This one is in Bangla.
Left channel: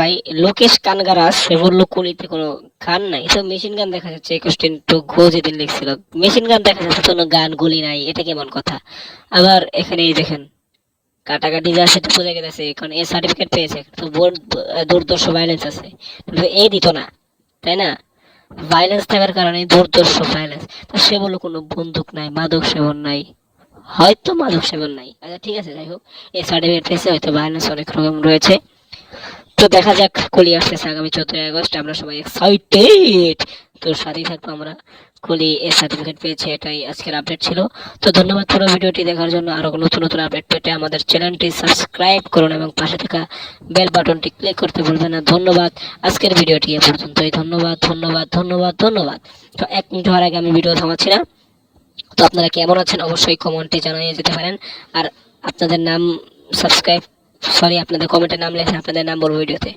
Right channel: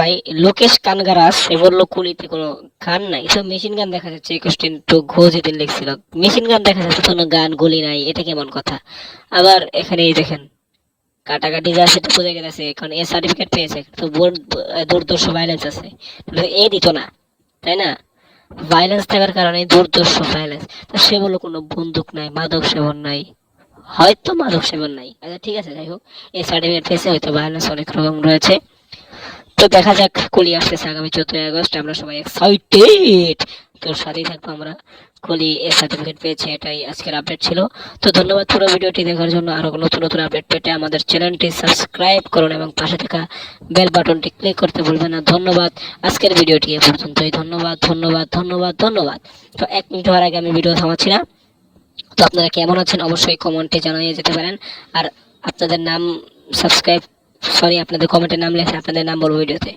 ভাই, লোকেশ কানগারাস সে বলল কুলিতে কোনো গান নাই। তো মেশিন গান দেখা যাচ্ছে একুশ টু ঘো যেদিন লিখছিল। মেশিন গান দেখা যাচ্ছে, কোনো গান গুলি নাই, এটা কেমন কথা? আবার এখানে এই দেখেন, কাটাকাটি যা সেটা বোঝা গেছে, এখন এ সার্টিফিকেট পেয়েছে, তো বোর্ড দুর্দর্শ ভাইলেন্স আছে। এ দিত না, তাই না? ভাইলেন্স থাকার কারণে দুর্দর্শ ভাইলেন্স তো সে বলল কোনো বন্দুক নাই, মাদক সেবন নাই, হয়তো মাদক সেবন নাই। আচ্ছা ঠিক আছে, যাই হোক এই সার্টিফিকেট পেয়েছে, হয়তো ভাইলেন্স অনেক রকম রয়েছে। তো দেখা যাক কলি আসতেছে আগামী চোদ্দই আগস্ট, আমরা সবাই এক্সাইটেড তো সাথেই থাকব আমরা। কলি এর সার্টিফিকেট পেয়েছে, এটাই আজকের আপডেট ছিল। তো ধন্যবাদ পুরো ভিডিওটি দেখার জন্য। আরও নতুন নতুন আপডেট পেতে আমাদের চ্যানেলটি সাবস্ক্রাইব করুন এবং পাশে থাকা বেল বাটনটি ক্লিক করতে ভুলবেন না। ধন্যবাদ। আজকের ভিডিওটি এ পর্যন্তই। ধন্যবাদ ধন্যবাদ ধন্যবাদ ধন্যবাদ। তো এক মিনিট হওয়ার আগে আমি ভিডিও থামাচ্ছি না। তো আপনারা কেমন আছেন অবশ্যই কমেন্টে জানিয়ে যেতে পারেন। আর আপনাদের নাম সাবস্ক্রাইব সরি আপনাদের কমেন্টের নাম লেখা আপনাদের নাম বলব ভিডিওতে।